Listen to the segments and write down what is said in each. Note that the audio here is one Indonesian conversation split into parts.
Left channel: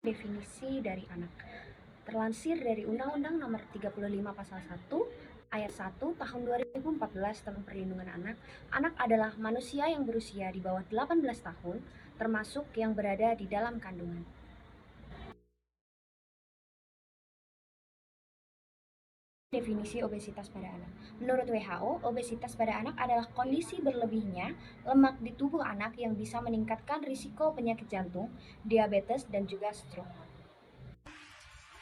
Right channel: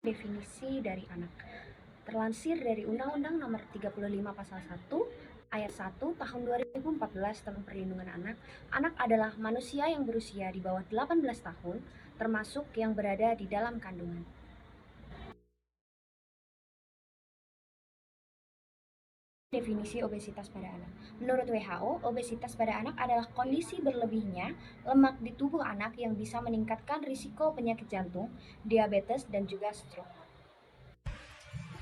Definisi dari anak terlansir dari Undang-Undang Nomor 35 Pasal 1 Ayat 1 Tahun 2014 tentang Perlindungan Anak. Anak adalah manusia yang berusia di bawah 18 tahun, termasuk yang berada di dalam kandungan. Definisi obesitas pada anak. Menurut WHO, obesitas pada anak adalah kondisi berlebihnya lemak di tubuh anak yang bisa meningkatkan risiko penyakit jantung, diabetes, dan juga stroke.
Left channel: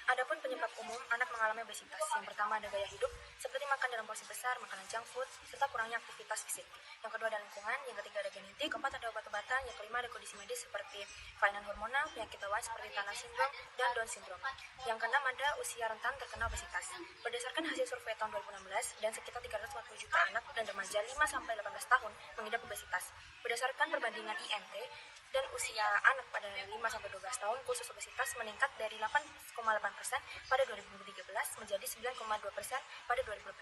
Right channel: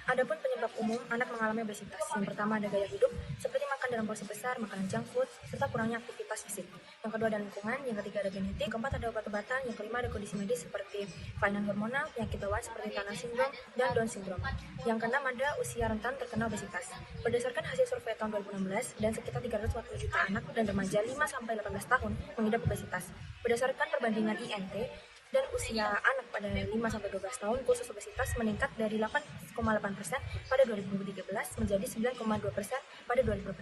Adapun penyebab umum anak mengalami obesitas, yang pertama ada gaya hidup, seperti makan dalam porsi besar, makanan junk food, serta kurangnya aktivitas fisik. Yang kedua ada lingkungan, yang ketiga ada genetik, yang keempat ada obat-obatan, yang kelima ada kondisi medis seperti kelainan hormonal, penyakit bawaan seperti Turner syndrome dan Down syndrome. Yang keenam ada usia rentan terkena obesitas. Berdasarkan hasil survei tahun 2016, dan sekitar 340 juta anak dan remaja 5-18 tahun mengidap obesitas. Berdasarkan perbandingan INT, dan usia anak pada 5-12 tahun khusus obesitas meningkat dari 8,8% pada 2013 menjadi 9,2% pada 2018.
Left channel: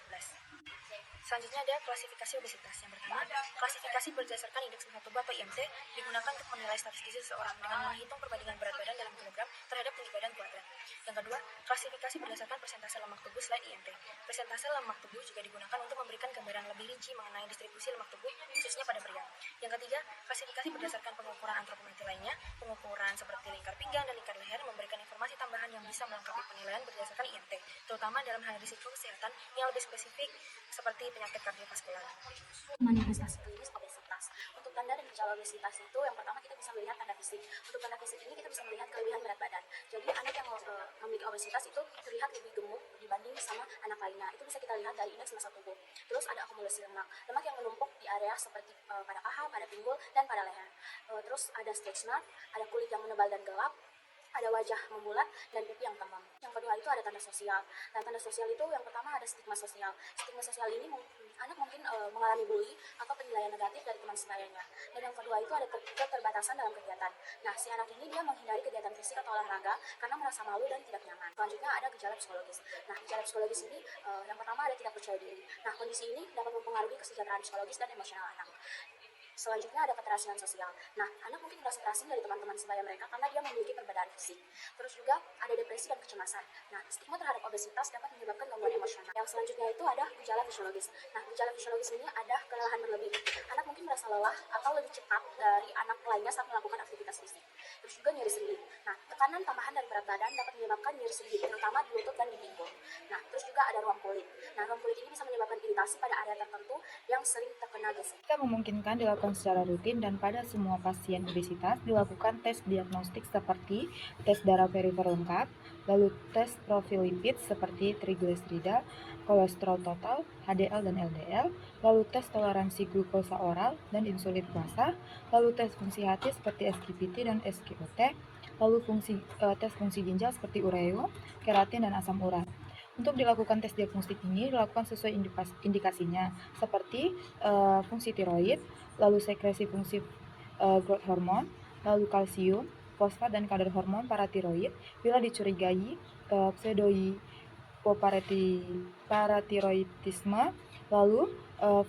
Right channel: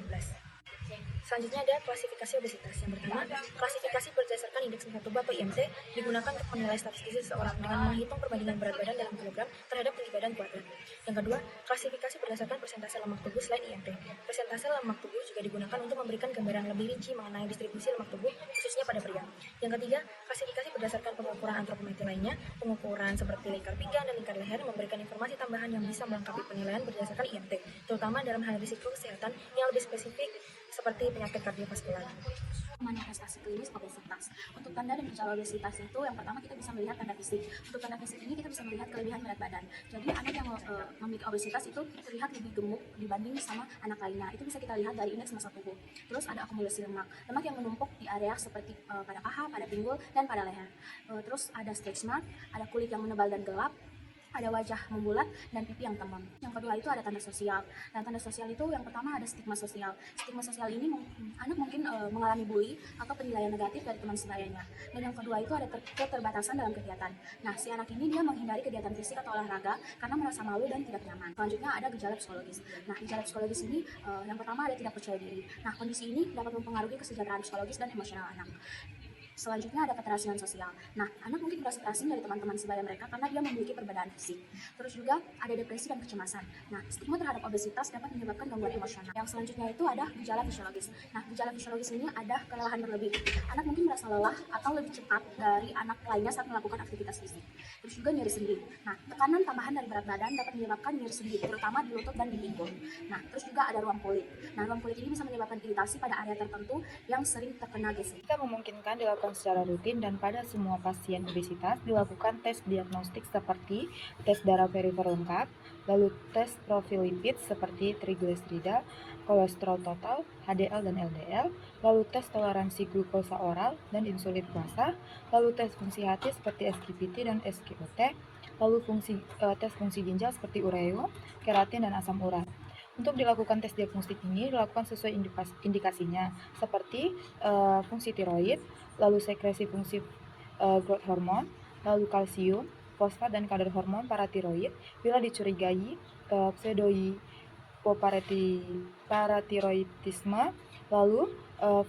Selanjutnya ada klasifikasi obesitas. Yang pertama, klasifikasi berdasarkan indeks berat tubuh atau IMT digunakan untuk menilai status gizi seseorang dengan menghitung perbandingan berat badan dalam kilogram terhadap tinggi badan kuat badan. Yang kedua, klasifikasi berdasarkan persentase lemak tubuh selain IMT. Persentase lemak tubuh juga digunakan untuk memberikan gambaran lebih rinci mengenai distribusi lemak tubuh khususnya pada pria. Yang ketiga, klasifikasi berdasarkan pengukuran antropometri lainnya. Pengukuran seperti lingkar pinggang dan lingkar leher memberikan informasi tambahan yang bisa melengkapi penilaian berdasarkan IMT, terutama dalam hal risiko kesehatan yang lebih spesifik seperti penyakit kardiovaskular. Manifestasi klinis obesitas. Untuk tanda dan gejala obesitas itu yang pertama kita bisa melihat tanda fisik. Untuk tanda fisik ini kita bisa melihat kelebihan berat badan. Jadi anak yang memiliki obesitas itu terlihat lebih gemuk dibanding sama anak lainnya. Itu bisa kita lihat dari indeks massa tubuh. Terus ada akumulasi lemak. Lemak yang menumpuk di area seperti pada paha, pada pinggul, dan pada leher. Terus ada strabismus, ada kulit yang menebal dan gelap, ada wajah membulat dan pipi yang tembam. Yang kedua itu ada tanda sosial. Nah, tanda sosial itu yang pertama ada stigma sosial. Stigma sosial ini anak mungkin mengalami bully atau penilaian negatif dari teman sebayanya. Dan yang kedua itu ada keterbatasan dalam kegiatan. Nah, si anak ini dia menghindari kegiatan fisik atau olahraga karena merasa malu dan tidak nyaman. Selanjutnya ada gejala psikologis. Nah, gejala psikologis ini yang pertama ada tidak percaya diri. Nah, kondisi ini dapat mempengaruhi kesejahteraan psikologis dan emosional anak. Selanjutnya ada keterasian sosial. Nah, anak mungkin merasa terasing dari teman-teman sebaya mereka karena dia memiliki perbedaan fisik. Terus juga ada depresi dan kecemasan. Nah, stigma terhadap obesitas dapat menyebabkan gangguan emosional. Yang selanjutnya itu ada gejala fisiologis. Nah, gejala fisiologis ini ada kelelahan berlebih. Anak mungkin merasa lelah atau lebih cepat dari anak lainnya saat melakukan aktivitas fisik. Terus juga nyeri sendi. Nah, tekanan tambahan dari berat badan dapat menyebabkan nyeri sendi, terutama di lutut dan di pinggang. Nah, terus juga ada ruam kulit. Nah, ruam kulit ini bisa menyebabkan iritasi pada area tertentu yang sering terkena geser. Kita memungkinkan dilakukan secara rutin dan pada semua pasien obesitas dilakukan tes diagnostik seperti tes darah perifer lengkap, lalu tes profil lipid seperti trigliserida, kolesterol total, HDL dan LDL, lalu tes toleransi glukosa oral dan insulin puasa, lalu tes fungsi hati seperti SGPT dan SGOT, lalu tes fungsi ginjal seperti urea, keratin dan asam urat. Untuk dilakukan tes diagnostik ini dilakukan sesuai indikasinya seperti fungsi tiroid, lalu sekresi fungsi growth hormone, lalu kalsium, fosfat dan kadar hormon paratiroid bila dicurigai pseudohypoparatiroidisme, lalu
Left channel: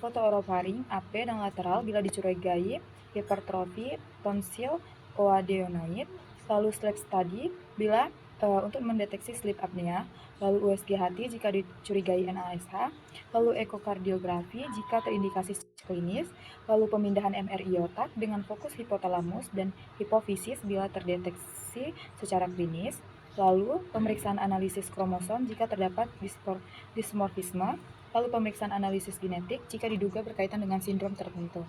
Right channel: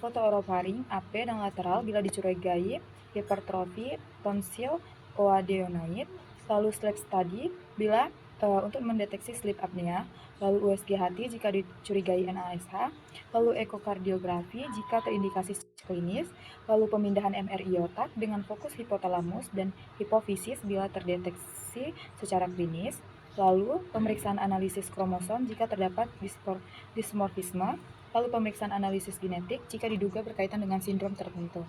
fotoorofaring AP dan lateral bila dicurigai hipertrofi tonsil coadeonaid, lalu sleep study bila untuk mendeteksi sleep apnea, lalu USG hati jika dicurigai NASH, lalu ekokardiografi jika terindikasi klinis, lalu pemindahan MRI otak dengan fokus hipotalamus dan hipofisis bila terdeteksi secara klinis, lalu pemeriksaan analisis kromosom jika terdapat dismorfisme, lalu pemeriksaan analisis genetik jika diduga berkaitan dengan sindrom tertentu.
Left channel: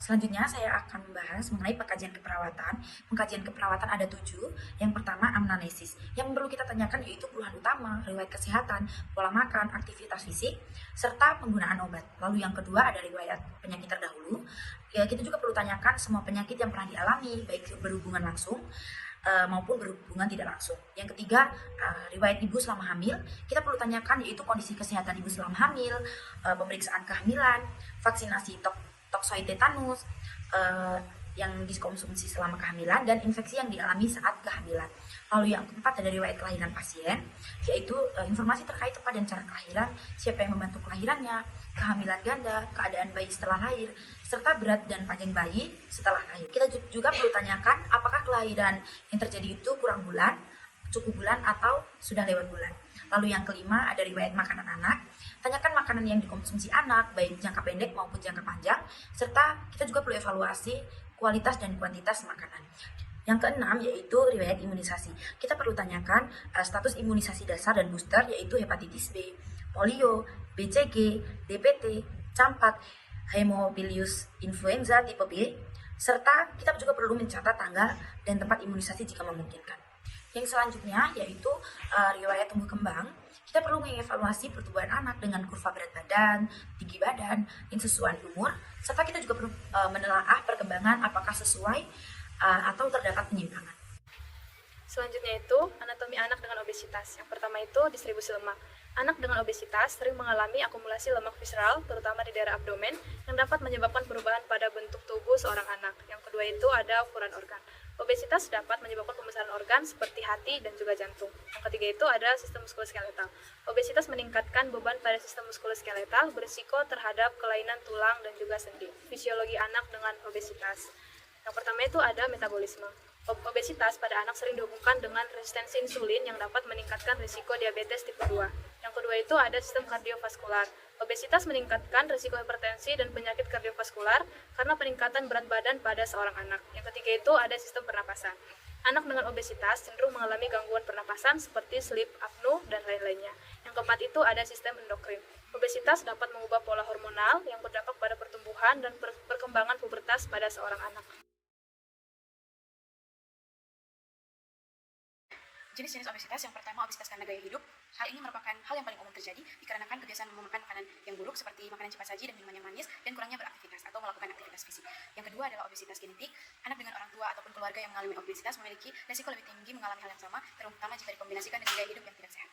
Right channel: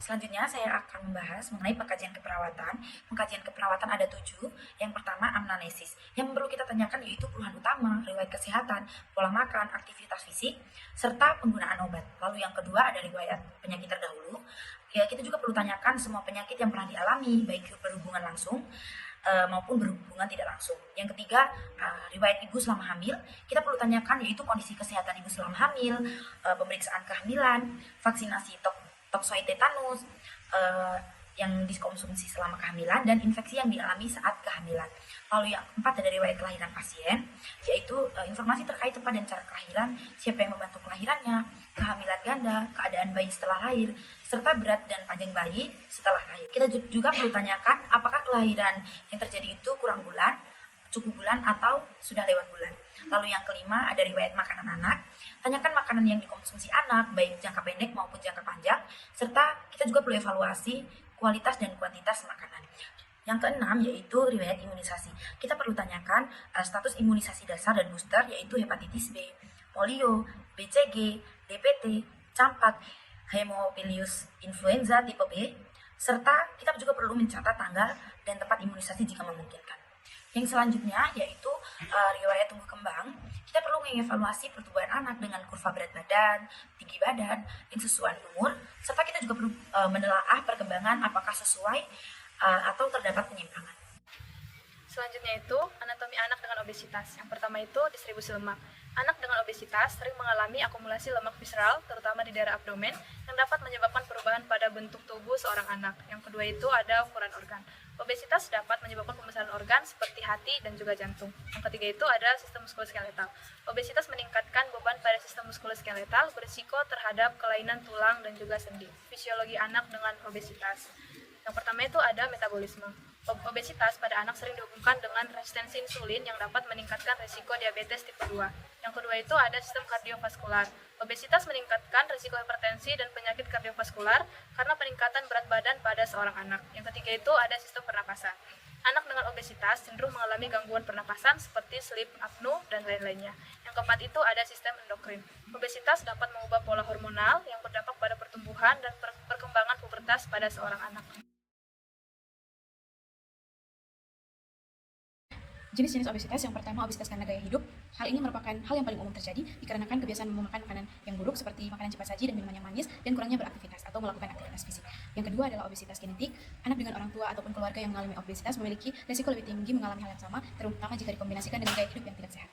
Selanjutnya saya akan membahas mengenai pengkajian keperawatan. Pengkajian keperawatan ada 7. Yang pertama anamnesis. Yang perlu kita tanyakan yaitu keluhan utama, riwayat kesehatan, pola makan, aktivitas fisik, serta penggunaan obat. Lalu yang kedua ada riwayat penyakit terdahulu. Ya, kita juga perlu tanyakan semua penyakit yang pernah dialami, baik berhubungan langsung maupun berhubungan tidak langsung. Yang ketiga, riwayat ibu selama hamil. Kita perlu tanyakan yaitu kondisi kesehatan ibu selama hamil, pemeriksaan kehamilan, vaksinasi toksoid tetanus yang dikonsumsi selama kehamilan, dan infeksi yang dialami saat kehamilan. Lalu yang keempat ada riwayat kelahiran pasien, yaitu informasi terkait tempat dan cara kelahiran, siapa yang membantu kelahirannya, kehamilan ganda, keadaan bayi setelah lahir, serta berat dan panjang bayi setelah lahir. Kita juga perlu tanyakan apakah kelahiran yang terjadi itu kurang bulan, cukup bulan, atau sudah lewat bulan. Lalu yang kelima ada riwayat makanan anak. Tanyakan makanan yang dikonsumsi anak, baik jangka pendek maupun jangka panjang, serta kita juga perlu evaluasi kualitas dan kuantitas makanan. Yang keenam yaitu riwayat imunisasi. Kita perlu tanyakan status imunisasi dasar dan booster, yaitu hepatitis B, polio, BCG, DPT, campak, Haemophilus influenza tipe B, serta kita juga perlu mencatat tanggal dan tempat imunisasi jika memungkinkan. Yang selanjutnya yaitu riwayat tumbuh kembang. Kita perlu mengevaluasi pertumbuhan anak dengan kurva berat badan, tinggi badan, yang sesuai umur, serta kita juga perlu menelaah perkembangan apakah sesuai atau terdapat penyimpangan. Selanjutnya itu anatomi anak dengan obesitas. Yang pertama itu distribusi lemak. Anak dengan obesitas sering mengalami akumulasi lemak visceral, terutama di daerah abdomen, yang dapat menyebabkan perubahan pada bentuk tubuh seorang anak. Yang kedua itu ada ukuran organ. Obesitas dapat menyebabkan pembesaran organ seperti hati dan juga jantung. Yang ketiga itu ada sistem muskuloskeletal. Obesitas meningkatkan beban pada sistem muskuloskeletal, berisiko terhadap kelainan tulang dan juga sendi. Fisiologi anak dengan obesitas. Yang pertama itu ada metabolisme. Obesitas pada anak sering dihubungkan dengan resistensi insulin yang dapat meningkatkan risiko diabetes tipe 2. Yang kedua itu ada sistem kardiovaskular. Obesitas meningkatkan risiko hipertensi dan penyakit kardiovaskular karena peningkatan berat badan pada seorang anak. Yang ketiga itu ada sistem pernapasan. Anak dengan obesitas cenderung mengalami gangguan pernapasan seperti sleep apnea dan lain-lainnya. Yang keempat itu ada sistem endokrin. Obesitas dapat mengubah pola hormonal yang berdampak pada pertumbuhan dan perkembangan pubertas pada seorang anak. Jenis-jenis obesitas yang pertama obesitas karena gaya hidup. Hal ini merupakan hal yang paling umum terjadi dikarenakan kebiasaan memakan makanan yang buruk seperti makanan cepat saji dan minuman yang manis dan kurangnya beraktivitas atau melakukan aktivitas fisik. Yang kedua adalah obesitas genetik. Anak dengan orang tua ataupun keluarga yang mengalami obesitas memiliki risiko lebih tinggi mengalami hal yang sama, terutama jika dikombinasikan dengan gaya hidup yang tidak sehat.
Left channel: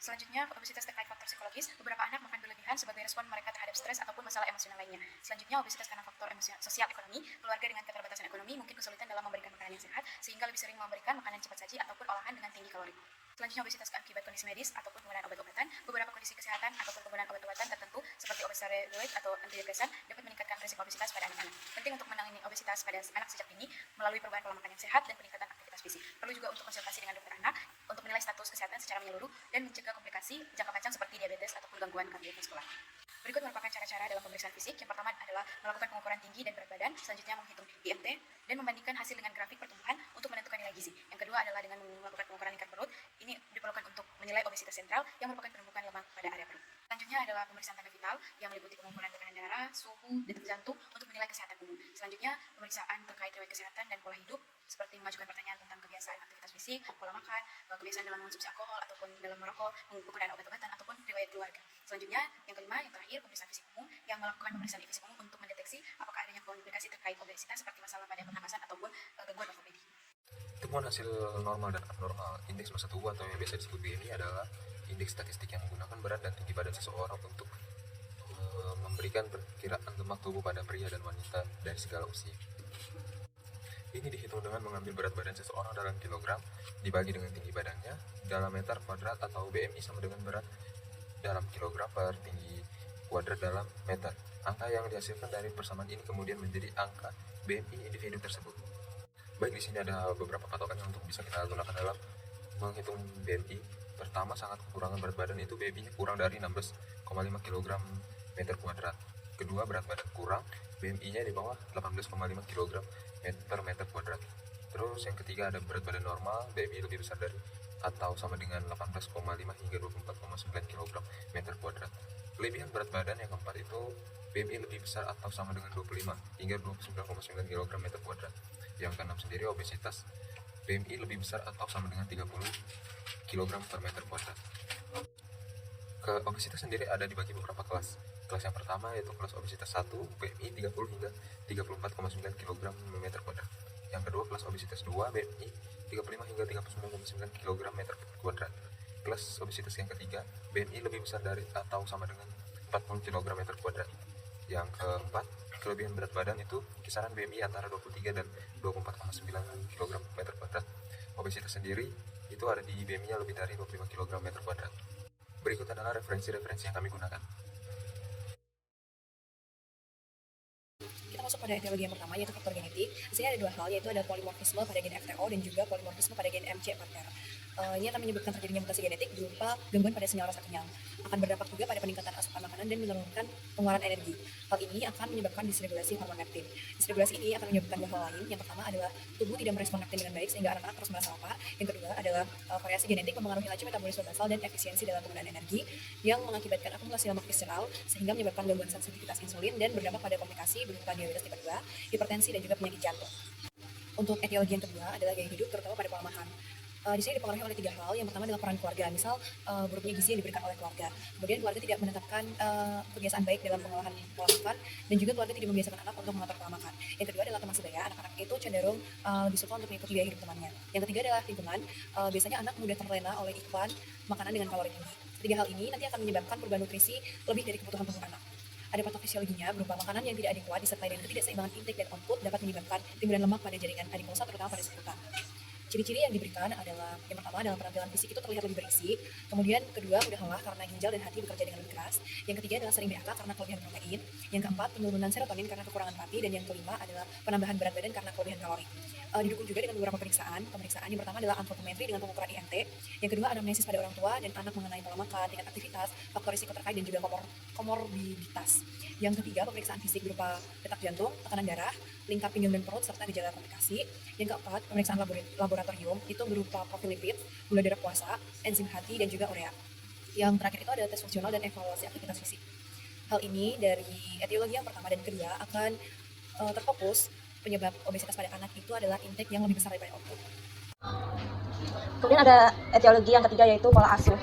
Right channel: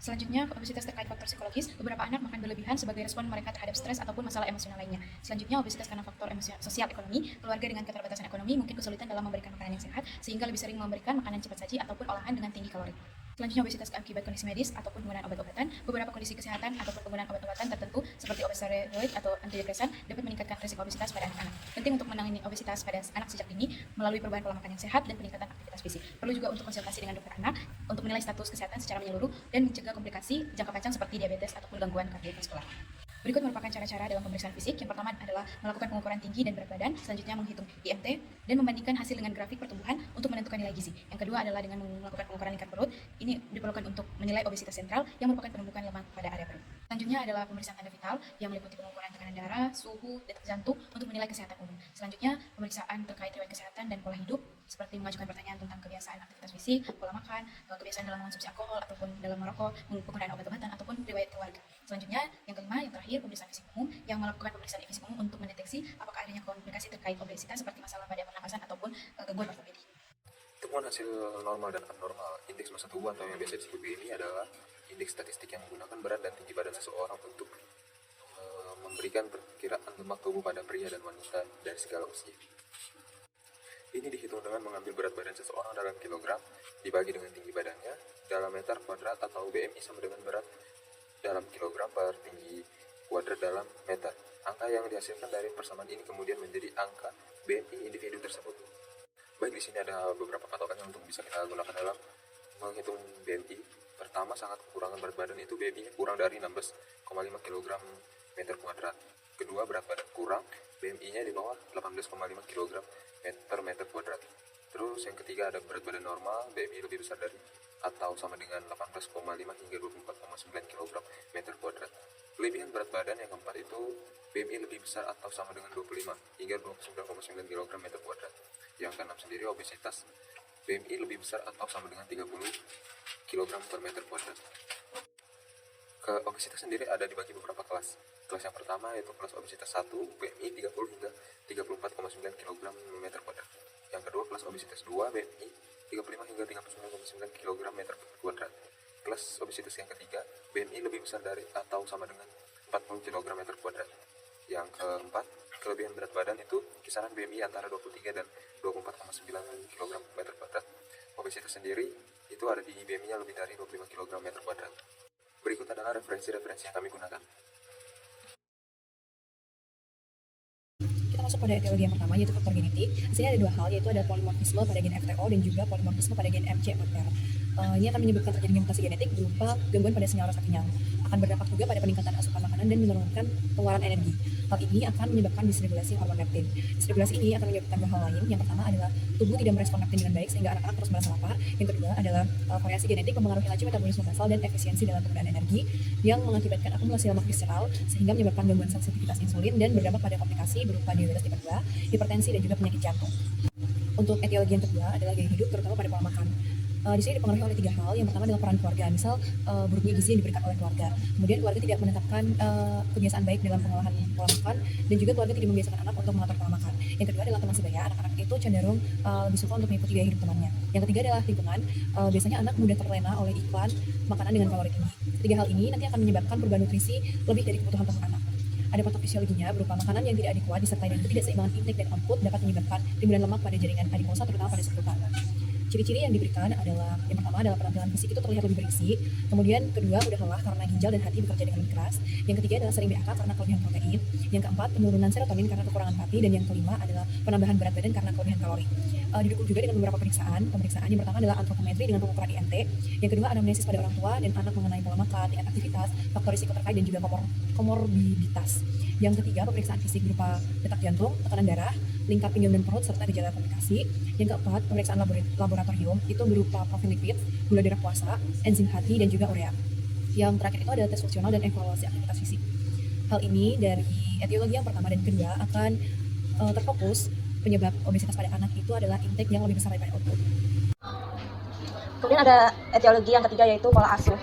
Selanjutnya, obesitas terkait faktor psikologis. Beberapa anak makan berlebihan sebagai respon mereka terhadap stres ataupun masalah emosional lainnya. Selanjutnya, obesitas karena faktor sosial ekonomi. Keluarga dengan keterbatasan ekonomi mungkin kesulitan dalam memberikan makanan yang sehat, sehingga lebih sering memberikan makanan cepat saji ataupun olahan dengan tinggi kalori. Selanjutnya, obesitas akibat kondisi medis ataupun penggunaan obat-obatan. Beberapa kondisi kesehatan ataupun penggunaan obat-obatan tertentu seperti obat steroid atau antidepresan dapat meningkatkan risiko obesitas pada anak-anak. Penting untuk menangani obesitas pada anak sejak dini melalui perubahan pola makan yang sehat dan peningkatan aktivitas fisik. Perlu juga untuk konsultasi dengan dokter anak untuk menilai status kesehatan secara menyeluruh dan mencegah komplikasi jangka panjang seperti diabetes ataupun gangguan kardiovaskular. Berikut merupakan cara-cara dalam pemeriksaan fisik. Yang pertama adalah melakukan pengukuran tinggi dan berat badan, selanjutnya menghitung IMT dan membandingkan hasil dengan grafik pertumbuhan untuk menentukan nilai gizi. Yang kedua adalah dengan melakukan pengukuran lingkar perut. Ini diperlukan untuk menilai obesitas sentral yang merupakan penumpukan lemak pada area perut. Selanjutnya adalah pemeriksaan tanda vital yang meliputi pengukuran tekanan darah, suhu, detak jantung untuk menilai kesehatan umum. Selanjutnya pemeriksaan terkait riwayat kesehatan dan pola hidup seperti mengajukan pertanyaan tentang kebiasaan aktivitas fisik, pola makan, kebiasaan dalam mengonsumsi alkohol ataupun dalam merokok, penggunaan obat-obatan ataupun riwayat keluarga. Selanjutnya, yang kelima, yang terakhir, pemeriksaan fisik umum yang melakukan pemeriksaan fisik umum untuk mendeteksi apakah adanya komplikasi terkait obesitas seperti masalah pada pernapasan ataupun gangguan ortopedi. Temuan hasil normal dan abnormal indeks massa tubuh atau yang biasa disebut BMI adalah indeks statistik yang menggunakan berat dan tinggi badan seseorang untuk memberikan perkiraan lemak tubuh pada pria dan wanita dari segala usia. Ini dihitung dengan mengambil berat badan seseorang dalam kilogram dibagi dengan tinggi badannya dalam meter kuadrat atau BMI sama dengan berat dalam kilogram per tinggi kuadrat dalam meter. Angka yang dihasilkan dari persamaan ini kemudian menjadi angka BMI individu tersebut. Baik, di sini ada beberapa patokan yang untuk bisa kita gunakan dalam menghitung BMI. Pertama, sangat kekurangan berat badan itu BMI kurang dari 16,5 kg meter kuadrat. Kedua, berat badan kurang, BMI-nya di bawah 18,5 kg per meter kuadrat. Terus yang ketiga ada berat badan normal, BMI lebih besar dari atau sama dengan 18,5 hingga 24,9 kg meter kuadrat. Kelebihan berat badan yang keempat itu BMI lebih besar atau sama dengan 25 hingga 29,9 kg meter kuadrat. Yang keenam sendiri obesitas, BMI lebih besar atau sama dengan 30 kg per meter kuadrat. Ke obesitas sendiri ada dibagi beberapa kelas. Kelas yang pertama yaitu kelas obesitas 1, BMI 30 hingga 34,9 kg meter kuadrat. Yang kedua kelas obesitas 2, BMI 35 hingga 39,9 kg meter kuadrat. Kelas obesitas yang ketiga, BMI lebih besar dari atau sama dengan 40 kg meter kuadrat. Yang keempat, kelebihan berat badan itu kisaran BMI antara 23 dan 24,9 kg meter kuadrat. Obesitas sendiri itu ada di BMI-nya lebih dari 25 kg meter kuadrat. Berikut adalah referensi-referensi yang kami gunakan. masuk pada etiologi yang pertama, yaitu faktor genetik. Di sini ada dua hal, yaitu ada polimorfisme pada gen FTO dan juga polimorfisme pada gen MC4R. Ini akan menyebabkan terjadinya mutasi genetik berupa gangguan pada senyawa rasa kenyang. Akan berdampak juga pada peningkatan asupan makanan dan menurunkan pengeluaran energi. Hal ini akan menyebabkan disregulasi hormon leptin. Disregulasi ini akan menyebabkan dua hal lain. Yang pertama adalah tubuh tidak merespon leptin dengan baik sehingga anak-anak terus merasa lapar. Yang kedua adalah variasi genetik mempengaruhi laju metabolisme basal dan efisiensi dalam penggunaan energi yang mengakibatkan akumulasi lemak visceral sehingga menyebabkan gangguan sensitivitas insulin dan berdampak pada komplikasi berupa diabetes tipe 2, hipertensi dan juga penyakit jantung. Untuk etiologi yang kedua adalah gaya hidup terutama pada pola makan. Di sini dipengaruhi oleh tiga hal. Yang pertama adalah peran keluarga, misal buruknya gizi yang diberikan oleh keluarga. Kemudian keluarga tidak menetapkan kebiasaan baik dalam pengolahan pola makan, dan juga keluarga tidak membiasakan anak untuk mengatur pola makan. Yang kedua adalah teman sebaya. Anak-anak itu cenderung lebih suka untuk mengikuti gaya hidup temannya. Yang ketiga adalah lingkungan. Biasanya anak mudah terlena oleh iklan makanan dengan kalori tinggi. Tiga hal ini nanti akan menyebabkan perubahan nutrisi lebih dari kebutuhan tubuh anak. Ada faktor fisiologinya berupa makanan yang tidak adekuat disertai dengan ketidakseimbangan intake dan output dapat menyebabkan timbulan lemak pada jaringan adipose terutama pada seputar. Ciri-ciri yang diberikan adalah yang pertama adalah penampilan fisik itu terlihat lebih berisi, kemudian kedua mudah lelah karena ginjal dan hati bekerja dengan lebih keras, yang ketiga adalah sering BAK karena kelebihan protein, yang keempat penurunan serotonin karena kekurangan pati, dan yang kelima adalah penambahan berat badan karena kelebihan kalori. Didukung juga dengan beberapa pemeriksaan yang pertama adalah antropometri dengan pengukuran IMT, yang kedua anamnesis pada orang tua dan anak mengenai pola makan, tingkat aktivitas, faktor risiko terkait dan juga komorbiditas. Yang ketiga pemeriksaan fisik berupa detak jantung, tekanan darah, lingkar pinggang dan perut serta gejala komplikasi. Yang keempat pemeriksaan laboratorium itu berupa profil lipid, gula darah puasa, enzim hati dan juga urea. Yang terakhir itu adalah tes fungsional dan evaluasi aktivitas fisik. Hal ini dari etiologi yang pertama dan kedua akan terfokus penyebab obesitas pada anak itu adalah intake yang lebih besar daripada output. Kemudian ada etiologi yang ketiga yaitu pola asuh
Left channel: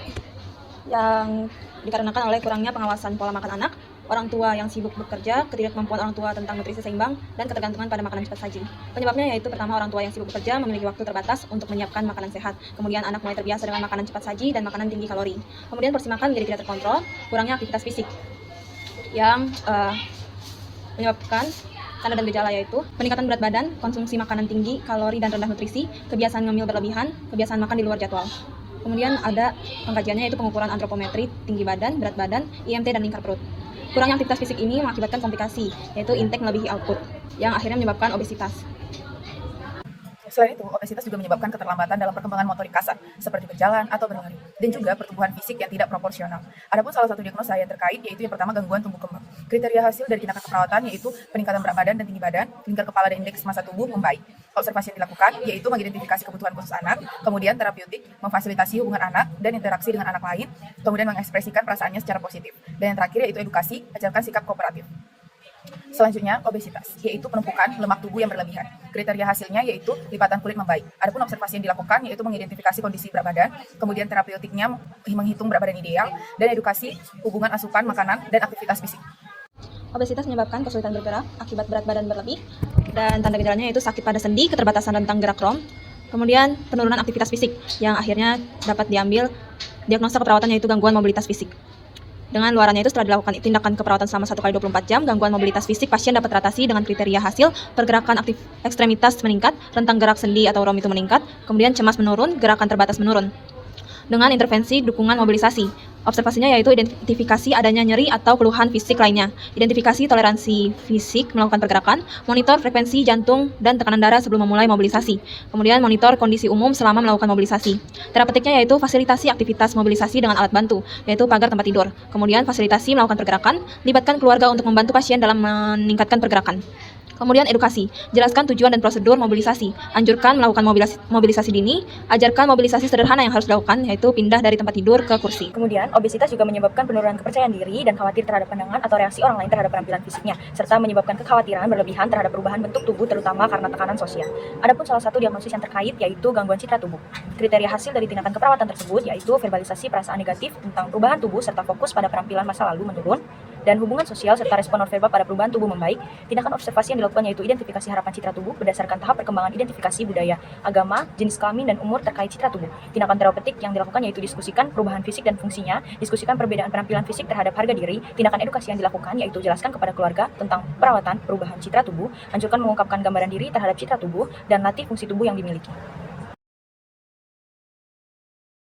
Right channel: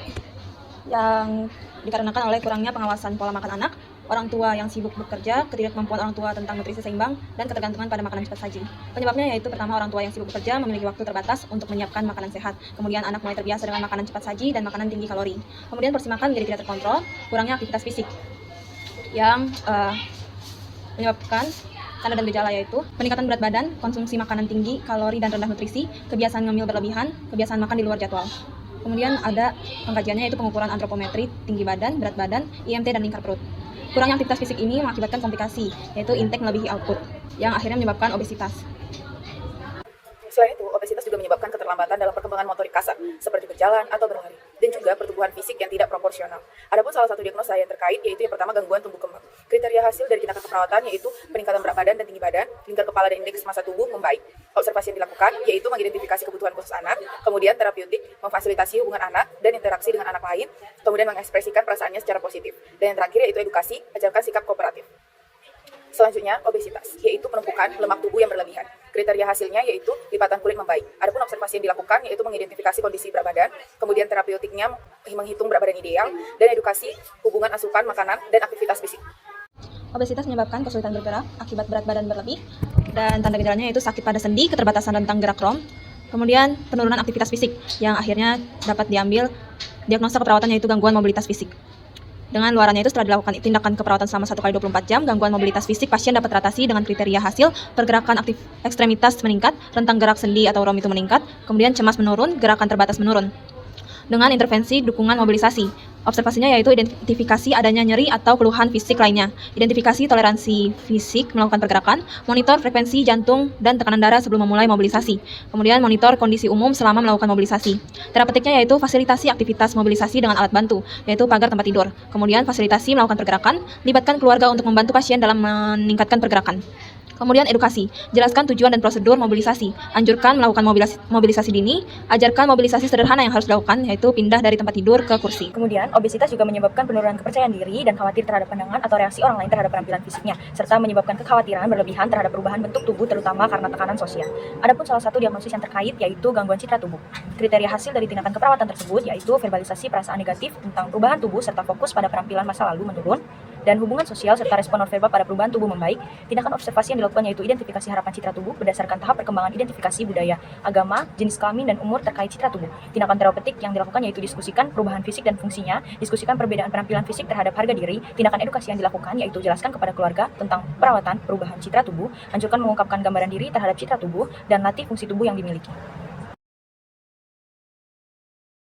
yang dikarenakan oleh kurangnya pengawasan pola makan anak, orang tua yang sibuk bekerja, ketidakmampuan orang tua tentang nutrisi seimbang, dan ketergantungan pada makanan cepat saji. Penyebabnya yaitu pertama orang tua yang sibuk bekerja memiliki waktu terbatas untuk menyiapkan makanan sehat. Kemudian anak mulai terbiasa dengan makanan cepat saji dan makanan tinggi kalori. Kemudian porsi makan menjadi tidak terkontrol, kurangnya aktivitas fisik yang menyebabkan tanda dan gejala yaitu peningkatan berat badan, konsumsi makanan tinggi, kalori dan rendah nutrisi, kebiasaan ngemil berlebihan, kebiasaan makan di luar jadwal. Kemudian ada pengkajiannya yaitu pengukuran antropometri, tinggi badan, berat badan, IMT dan lingkar perut. Kurangnya aktivitas fisik ini mengakibatkan komplikasi, yaitu intake melebihi output, yang akhirnya menyebabkan obesitas. Selain itu, obesitas juga menyebabkan keterlambatan dalam perkembangan motorik kasar, seperti berjalan atau berlari, dan juga pertumbuhan fisik yang tidak proporsional. Adapun salah satu diagnosa yang terkait yaitu yang pertama gangguan tumbuh kembang. Kriteria hasil dari tindakan keperawatan yaitu peningkatan berat badan dan tinggi badan, lingkar kepala dan indeks massa tubuh membaik. Observasi yang dilakukan yaitu mengidentifikasi kebutuhan khusus anak, kemudian terapeutik, memfasilitasi hubungan anak dan interaksi dengan anak lain, kemudian mengekspresikan perasaannya secara positif. Dan yang terakhir yaitu edukasi, ajarkan sikap kooperatif. Selanjutnya, obesitas, yaitu penumpukan lemak tubuh yang berlebihan. Kriteria hasilnya yaitu lipatan kulit membaik. Adapun observasi yang dilakukan yaitu mengidentifikasi kondisi berat badan, kemudian terapeutiknya menghitung berat badan ideal, dan edukasi hubungan asupan makanan dan aktivitas fisik. Obesitas menyebabkan kesulitan bergerak akibat berat badan berlebih, dan tanda gejalanya yaitu sakit pada sendi, keterbatasan rentang gerak rom, kemudian penurunan aktivitas fisik, yang akhirnya dapat diambil diagnosa keperawatan yaitu gangguan mobilitas fisik. Dengan luarannya itu setelah dilakukan tindakan keperawatan selama 1x24 jam, gangguan mobilitas fisik pasien dapat teratasi dengan kriteria hasil, pergerakan aktif ekstremitas meningkat, rentang gerak sendi atau rom itu meningkat, kemudian cemas menurun, gerakan terbatas menurun. Dengan intervensi dukungan mobilisasi. Observasinya yaitu identifikasi adanya nyeri atau keluhan fisik lainnya, identifikasi toleransi fisik melakukan pergerakan, monitor frekuensi jantung dan tekanan darah sebelum memulai mobilisasi, kemudian monitor kondisi umum selama melakukan mobilisasi. Terapeutiknya yaitu fasilitasi aktivitas mobilisasi dengan alat bantu, yaitu pagar tempat tidur, kemudian fasilitasi melakukan pergerakan, libatkan keluarga untuk membantu pasien dalam meningkatkan pergerakan. Kemudian edukasi, jelaskan tujuan dan prosedur mobilisasi, anjurkan melakukan mobilisasi dini, ajarkan mobilisasi sederhana yang harus dilakukan, yaitu pindah dari tempat tidur ke kursi. Kemudian, obesitas juga menyebabkan penurunan kepercayaan diri dan khawatir terhadap pandangan atau reaksi orang lain terhadap penampilan fisiknya, serta menyebabkan kekhawatiran berlebihan terhadap perubahan bentuk tubuh terutama karena tekanan sosial. Adapun salah satu diagnosis yang terkait yaitu gangguan citra tubuh. Kriteria hasil dari tindakan keperawatan tersebut yaitu verbalisasi perasaan negatif tentang perubahan tubuh serta fokus pada penampilan masa lalu menurun, dan hubungan sosial serta respon nonverbal pada perubahan tubuh membaik. Tindakan observasi yang dilakukan yaitu identifikasi harapan citra tubuh berdasarkan tahap perkembangan identifikasi budaya, agama, jenis kelamin, dan umur terkait citra tubuh. Tindakan terapeutik yang dilakukan yaitu diskusikan perubahan fisik dan fungsinya, diskusikan perbedaan penampilan fisik terhadap harga diri. Tindakan edukasi yang dilakukan yaitu jelaskan kepada keluarga tentang perawatan perubahan citra tubuh, anjurkan mengungkapkan gambaran diri terhadap citra tubuh, dan latih fungsi tubuh yang dimiliki.